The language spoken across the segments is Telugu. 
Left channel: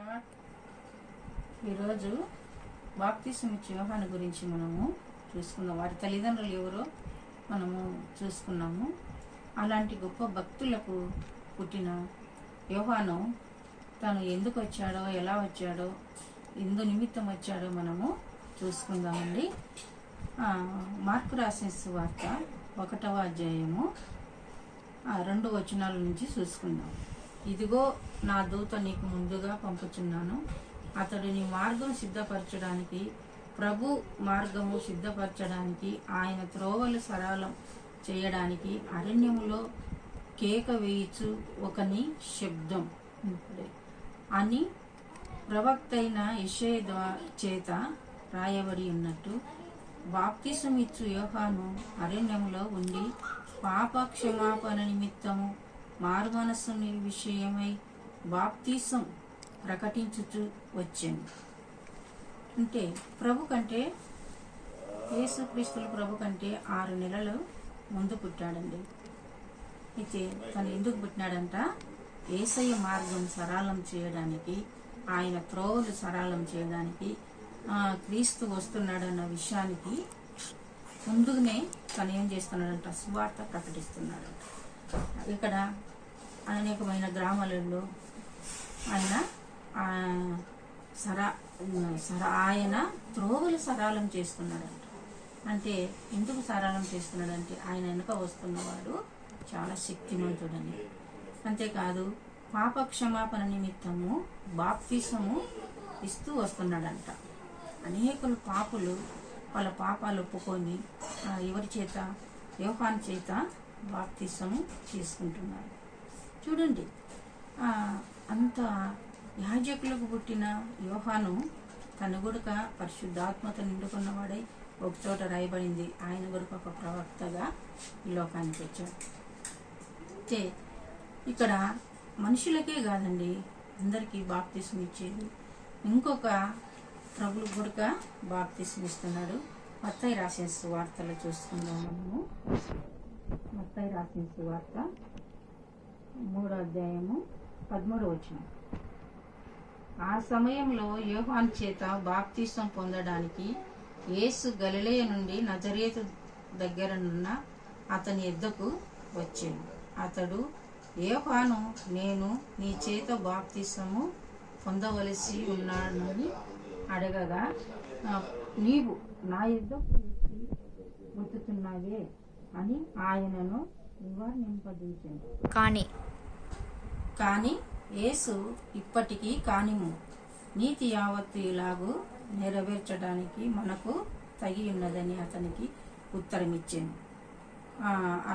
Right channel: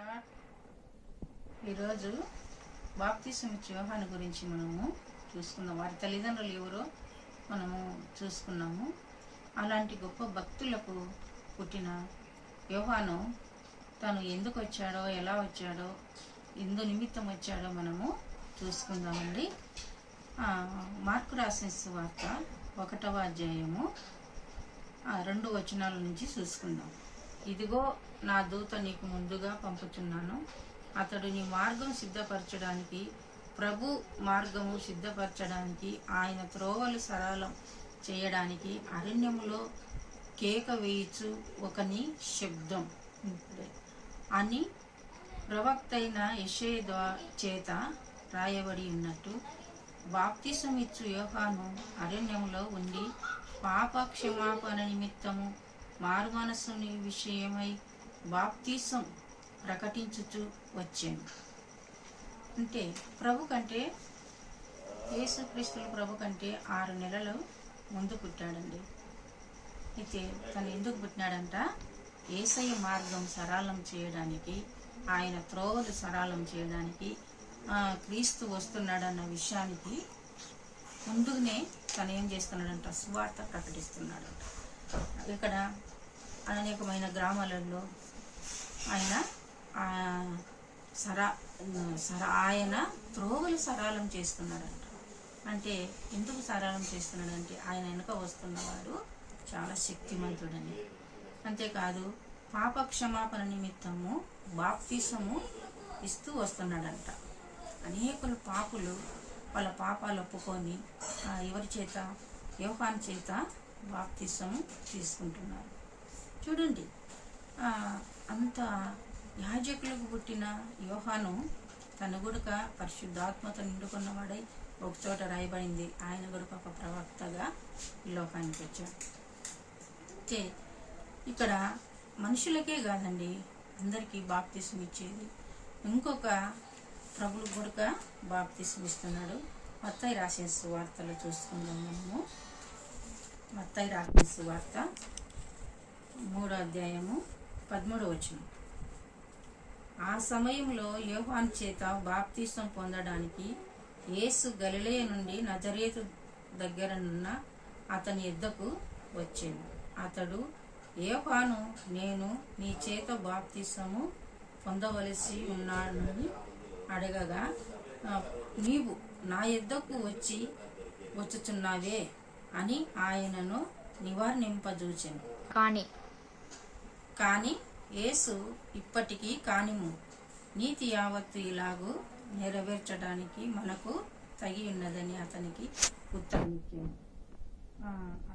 లార్డ్. ఈరోజు బాప్తిసం ఇచ్చే యోహాను గురించి మనము చూసుకుందాం. వారి తల్లిదండ్రులు ఎవరో మనము చూసుకున్నాము. అలాంటి గొప్ప భక్తులకు పుట్టిన యోహాను తను ఎందుకు వచ్చాడో, ఎలా వచ్చాడో, ఎందు నిమిత్తం వచ్చాడో మనము చూసుకుందామండి. మార్కు రాసిన సువార్త 1వ అధ్యాయము 2 వచనాల నుంచి చూసుకుందాం. ఇదిగో నా దూత నీకు ముందుగా పంపుచున్నాను, అతడు నీ మార్గం సిద్ధపరచడానికి, ప్రభు మార్గము సిద్ధపరచడానికి, ఆయన త్రోవలు సరళం చేయడానికి అరణ్యములో కేక వేయుచు ఒకని శబ్దం అని ప్రవక్త అయిన యెషయా చేత రాయబడి ఉన్నట్టు, బాప్తిసం ఇచ్చు యోహాను అరణ్యంలో ఉండి పాప క్షమాపణ నిమిత్తము మారు మనస్సు విషయమై బాప్తిసం ప్రకటించుచు వచ్చాను. అంటే ప్రభు కంటే, యేసుక్రీస్తుల ప్రభు కంటే 6 నెలలు ముందు పుట్టాడండి. అయితే తను ఎందుకు పుట్టినాడంట? యేసయ్య మార్గం సరళం చేయడానికి, ఆయన త్రోవలు సరళం చేయడానికి క్రీస్తు వస్తున్నాడన్న విషయానికి ముందుగానే తను ఏం చేస్తున్నాడంట? సువార్త ప్రకటిస్తున్నాడంట. ఇక్కడ అనేకమైన గ్రామాలలో ఆయన ఆయన త్రోవలు సరళం చేస్తున్నాడంట. అంటే ఎందుకు సరళం చేస్తున్నాడంటే ఆయన వెనుక వస్తున్నవాడు చాలా శక్తిమంతుడని. అంతేకాదు పాప క్షమాపణ నిమిత్తము బాప్తిసము ఇస్తూ వస్తున్నాడంట. అనేకులు పాపులు వాళ్ళ పాపాలు ఒప్పుకొని ఎవరి చేత? యోహాను చేత బాప్తిసము తీసుకుంటున్నారు. చూడండి, అంత యాజకులకు పుట్టిన యోహాను తన గుడక పరిశుద్ధాత్మతో నిండుకున్నవాడై ఒక చోట రాయబడింది, ఆయన గుడక ఒక ప్రవక్తగా ఈ లోకానికి వచ్చాడు. ఇక్కడ మనుషులకే కాదండి, అందరికీ బాప్తిసం ఇచ్చేది. ఇంకొక ప్రభువు గుడక బాప్తిసం ఇస్తున్నాడు. మత్తయి రాసిన సువార్తలో చూసుకుందాం మనము. మత్తయి రాసిన సువార్త 3వ అధ్యాయము 13వ వచనం. ఆ సమయంలో యోహాను చేత బాప్తిసం పొందడానికి యేసు గలిలయ నుండి నజరేతు దగ్గరనున్న అతని యొద్దకు వచ్చాను. అతడు, యోహాను, నేను నీ చేత బాప్తిసము పొందవలసి ఉన్నానని అడగగా, నీవు నా యొద్దకు వచ్చుచున్నావే అని ఆయనను నివారింపజూచెను. కానీ యేసు, ఇప్పటికీ కానిము, నీతి యావత్తు ఇలాగూ నెరవేర్చడానికి మనకు తగి ఉన్నదని అతనికి ఉత్తరం ఇచ్చాను.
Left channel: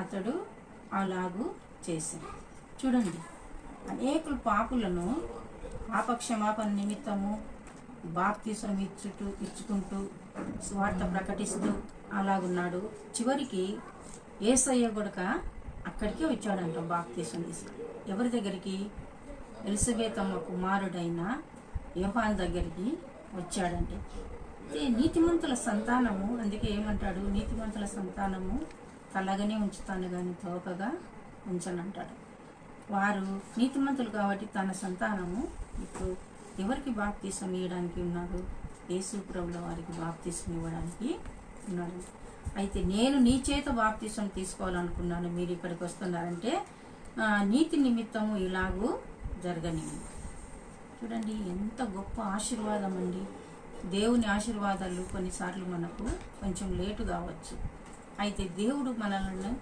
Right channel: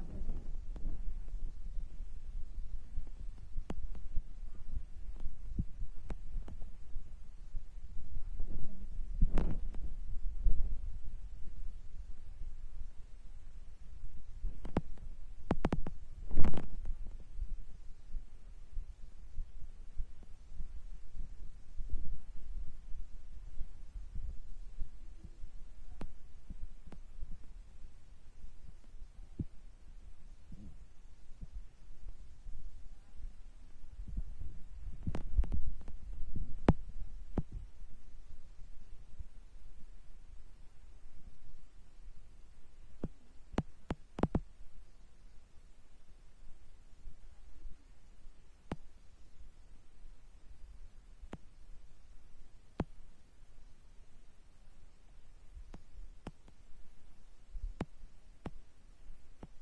అతడు అలాగూ చేశాను. చూడండి, అనేకులు పాపులను పాపక్షమాపణ నిమిత్తము బాప్తిసం ఇచ్చుకుంటూ స్వార్థ ప్రకటిస్తూ అలాగున్నాడు. చివరికి యేసయ్య గుడక అక్కడికే వచ్చాడంట బాప్తిసం తీసి. ఎవరి దగ్గరికి? ఎలిజబెతమ్మ కుమారుడైన యోహాను దగ్గరికి వచ్చాడంటే. నీతిమంతుల సంతానము, అందుకే ఏమంటాడు? నీతిమంతుల సంతానము తలగానే ఉంచుతాను కానీ తోకగా ఉంచనంటాడు. వారు నీతిమంతులు కాబట్టి తన సంతానము ఇప్పుడు ఎవరికి బాప్తిసం ఇవ్వడానికి ఉన్నాడు? యేసు ప్రభుల వారికి బాప్తిసం ఇవ్వడానికి ఉన్నాడు. అయితే నేను నీ చేత బాప్తిసం తీసుకోవాలనుకున్నాను, మీరు ఇక్కడికి వస్తున్నారంటే నీతి నిమిత్తము ఇలాగూ జరగనివ్వండి. చూడండి, ఎంత గొప్ప ఆశీర్వాదం అండి. దేవుని ఆశీర్వాదాలు కొన్నిసార్లు మనకు కొంచెం లేటు కావచ్చు. అయితే దేవుడు మనల్ని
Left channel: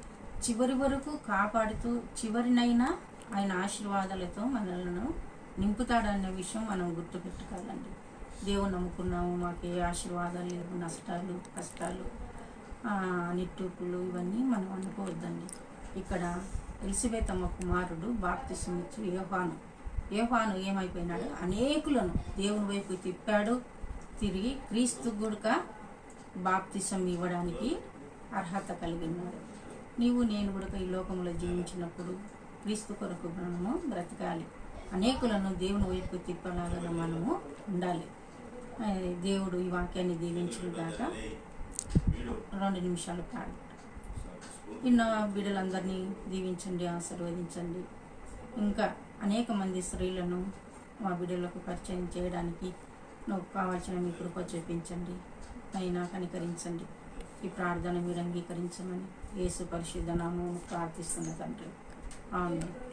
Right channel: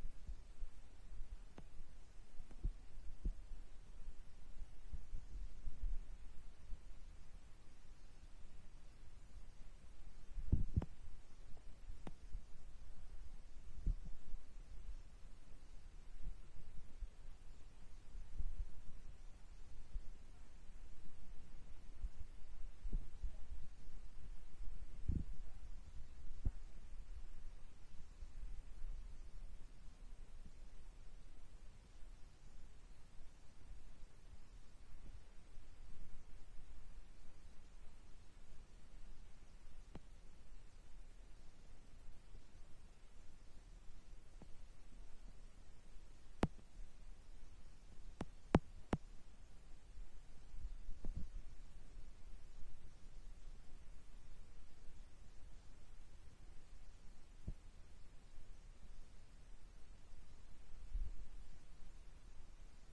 చివరి వరకు కాపాడుతూ చివరినైనా ఆయన ఆశీర్వాదాలతో మనల్ని నింపుతాడనే విషయం మనం గుర్తుపెట్టుకోవాలండి. దేవుని నమ్ముకున్నాము, మాకు ఏ ఆశీర్వాదాలు లేవు, నష్టాలు, కష్టాలు, నిట్టూపులు ఇవన్నీ మనం అనుకోవద్దండి. ఇక్కడ ఎలిజబెతమ్మ కుమారుడు బాప్తిసం ఇచ్చు యోహాను ఏమైపోయినాడు? అనేకులను దేవుని వైపు తిప్పాడు. తిరిగి క్రీస్తు గుడక బాప్తిసం ఇవ్వడానికి అర్హత కలిగి ఉన్నాడు. నీవు నేను కూడా ఈ లోకంలో జీవించినప్పుడు క్రీస్తు కొరకు మనము బ్రతకాలి. అనేకులను దేవుని వైపు తిప్పలాగా మనము ఉండాలి. దేవుడు ఈ వాక్యాన్ని దీవించిన దాకా 2 నిమిషాలు కాదు. ఇన్న బిడ్డలందరినీ దీవించండి, ఆశీర్వదించండి. ఇంకా అనేక మంది స్త్రీలను మా బిడ్డలకు పరిచయం చేయడానికి నాకు కావాల్సిన మీ కృప చూపించండి. అయినా కనికరించండి. ఈ ప్రార్థన మీరు అంగీకరించమని యేసు పరిశుద్ధ నామమున ప్రార్థిస్తున్న తండ్రి. ఆమేన్.